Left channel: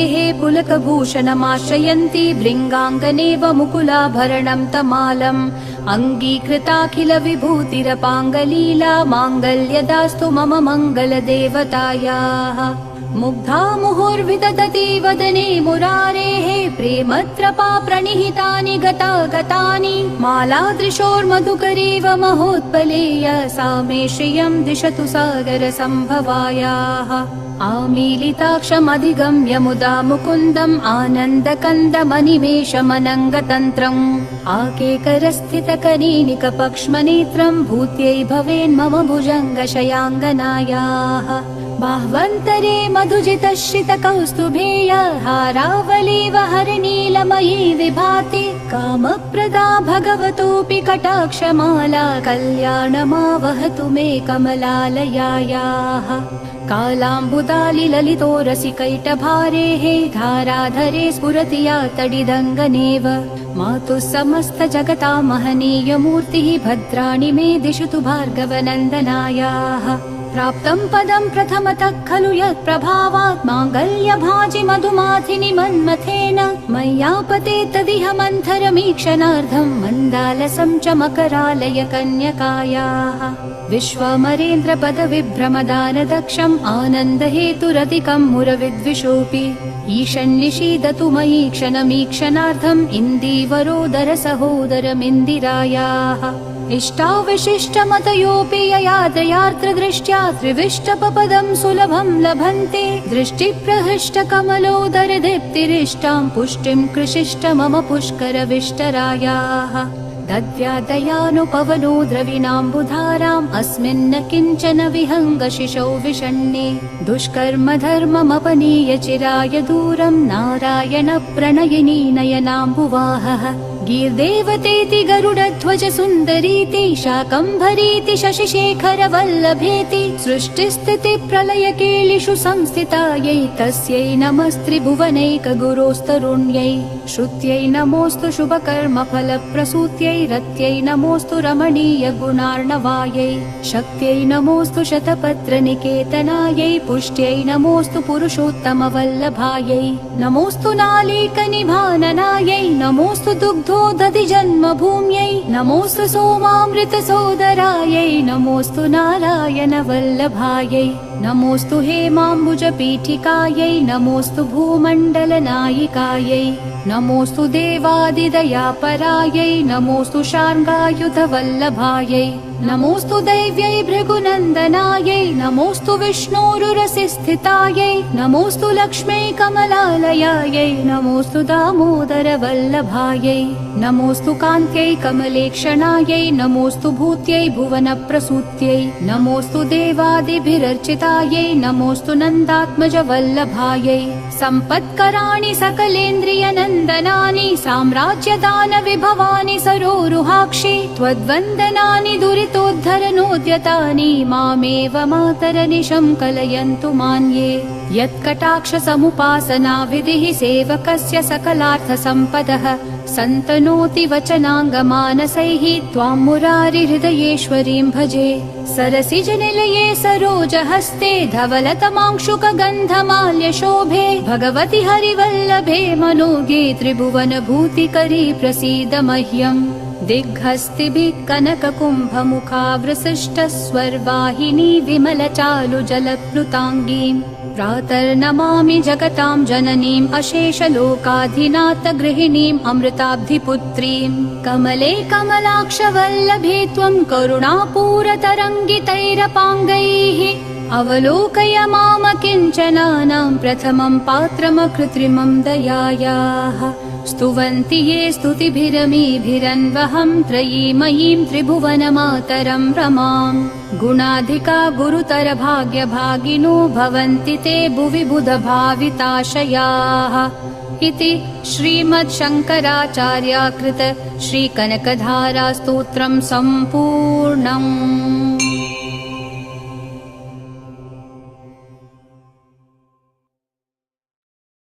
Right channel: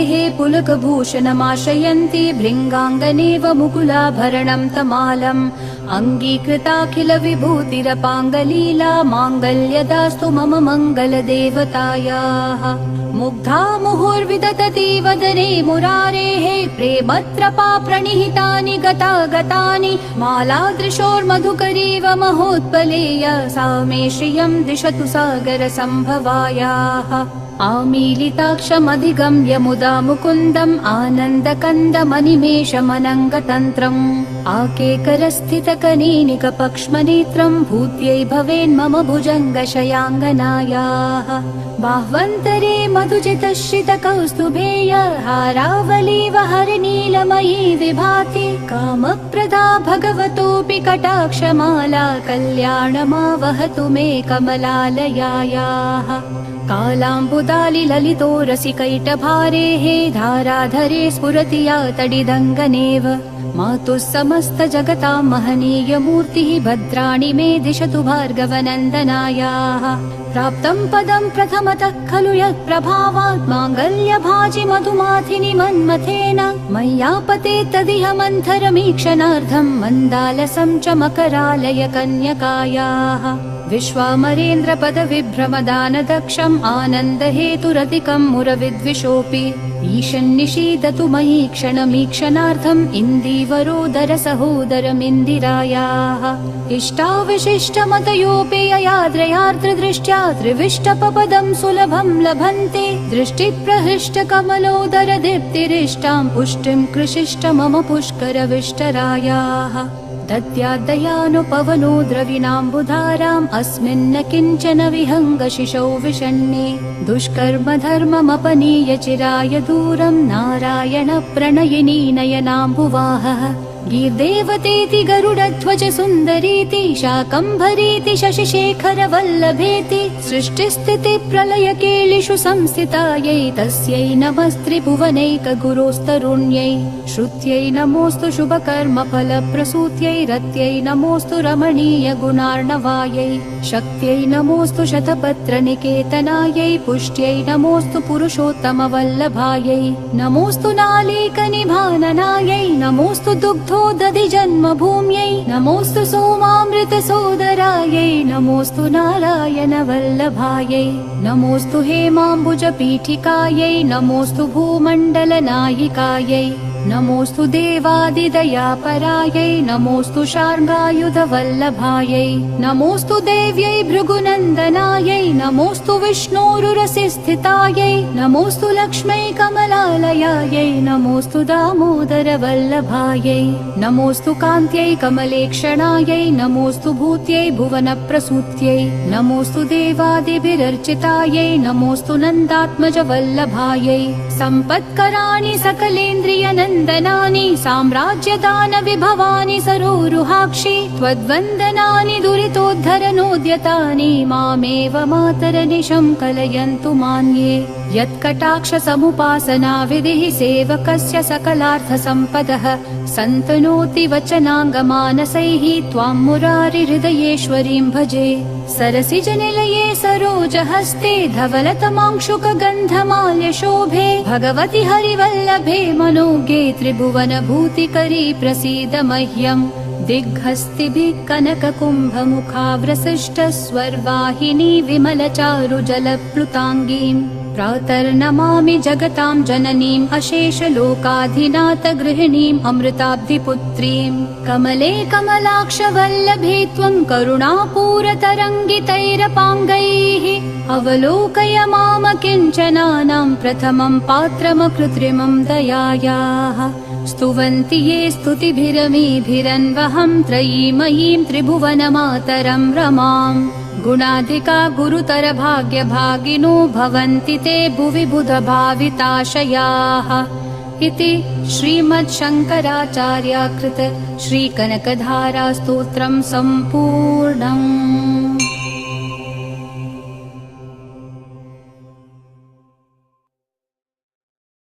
मुरारेः पुलकभूषणमाश्रयन्ति भृङ्गाङ्गनेव मुकुलाभरणं तमालम् अङ्गीकृताखिल विभूतिरपाङ्गलीला माङ्गल्यदास्तु मम मङ्गलदेवतायाः मुग्धा मुहुर्विदधति वदने मुरारेः प्रेमत्रपा प्रणिहितानि गतानि मालादृशोर्मधुकरीव महोत्पलेय सा मे श्रियं दिशतु सागरसम्भवायाः आमीलिताक्षमधिगम्य मुदा मुकुन्दम् आनन्दकन्दमनिमेषमनङ्गतन्त्रम् आकेकरस्थितकनीनिकपक्ष्मनेत्रम् भूत्यै भवेन्मम भुजङ्गशयाङ्गनायाः बाह्वन्तरे मधुजितश्रितकौस्तुभेय हारावलीव हरिनीलमयी विभाति कामप्रदा भगवतोऽपि कटाक्षमाला कल्याणमावहतु मे कमलालयायाः कालाम्बुतालि ललितोरसिकैटभारेः धाराधरे स्फुरति या तडिदङ्गनेव मातुः समस्त जगतां महनीयमूर्तिः भद्राणि मे दिशतु भार्गवनन्दनायाः प्राप्तं पदं प्रथमतः खलु यत्प्रभावात् माङ्गल्यभाजि मधुमाथिनि मन्मथेन मय्यापते तदिह मन्थरमीक्षणार्थं मन्दालसं च मकरालय कन्यकायाः विश्वामरेन्द्रपद विभ्रमदानदक्षम् आनन्दहेतुरतिकं मुरविद्विषोऽपि ईशन्निषीदतु मयि क्षणमीक्षणार्थम् इन्दीवरोदर सहोदरमिन्दिरायाः इष्टाविशिष्टमतयोऽपि ययात्रयार्त्रदृष्ट्या त्रिविष्टपपदं सुलभं लभन्ते दृष्टिप्रहृष्टकमलोदर दीप्तिरिष्टां पुष्टिं कृशिष्ट मम पुष्करविष्टरायाः दद्यादयानुपवनो द्रविणाम्बुधाराम् अस्मिन्न किञ्चन विहङ्गशिशौ विषण्णे दुष्कर्म धर्ममपनीय चिराय दूरम् नारायण प्रणयिनी नयनाम्बुवाहः गीर्देवतेति गरुडध्वज सुन्दरीति शाकम्भरीति शशिशेखर वल्लभेति सृष्टिस्थिति प्रलय कीलिषु संस्थितायै तस्यै नमस्त्रिभुवनैक गुरोस्तरुण्यै श्रुत्यै नमोऽस्तु शुभकर्म फलप्रसूत्यै रत्यै नमोऽस्तु रमणीय गुणार्णवायै शक्त्यै नमोऽस्तु शतपत्र निकेतनायै पुष्ट्यै नमोऽस्तु पुरुषोत्तम वल्लभायै नमोऽस्तु नालीकनिभाननायै नमोऽस्तु दुग्धोदधि जन्मभूम्यै नमोऽस्तु सोमामृत सोदरायै नमोऽस्तु नारायण वल्लभायै नमोऽस्तु हेमाम्बुज पीठिकायै नमोऽस्तु भूमण्डल नायिकायै नमोऽस्तु देवादिदयापरायै नमोऽस्तु शार्ङ्गायुध वल्लभायै नमोऽस्तु देव्यै भृगुनन्दनायै नमोऽस्तु विष्णोरुरसि स्थितायै नमोऽस्तु लक्ष्म्यै कमलालयायै नमोऽस्तु दामोदर वल्लभायै नमोऽस्तु कान्त्यै कमलेक्षणायै नमोऽस्तु भूत्यै भुवनप्रसूत्यै नमोऽस्तु देवादिभिरर्चितायै नमोऽस्तु नन्दात्मज वल्लभायै सम्पत्कराणि सकलेन्द्रियनन्दनानि साम्राज्यदान विभवानि सरोरुहाक्षि त्वद्वन्दनानि दुरितोद्धरनोद्यतानि मामेव मातरनिशं कलयन्तु मान्ये यत्कटाक्ष समुपासना विधिः सेवकस्य सकलार्थसम्पदः सन्तनोति वचनाङ्गमानसैः त्वां मुरारि हृदयेश्वरीं भजे सरसिजनिलये सरोजहस्ते धवलतमांशुकगन्धमाल्यशोभे भगवति हरिवल्लभे मनोगे त्रिभुवनभूतिकरी प्रसीद मह्यम् दिग्हस्तिभिः कनककुम्भमुखाव्रसृष्टस्वर्वाहिनी विमलचारुजलप्लुताङ्गीम् प्रातर्नमामि जगतां जननीम् अशेषलोकाधिनाथ गृहिणीम् अमृताब्धिपुत्रीम् कमले कमलाक्षवल्लभे त्वं करुणापूरतरङ्गितैरपाङ्गैः अवलोकय माम किञ्चनानां प्रथमं पात्रमकृत्रिमं दयायाः स्तुवन्ति ये स्तुतिभिरमीभिरन्वहं त्रयीमयीं त्रिभुवनमातरं रमाम् गुणाधिका गुरुतर भाग्यभागिनो भवन्ति ते भुवि बुधभाविताशयाः इति श्रीमच्छङ्कराचार्याकृत श्रीकनकधारा स्तोत्रं सम्पूर्णम्।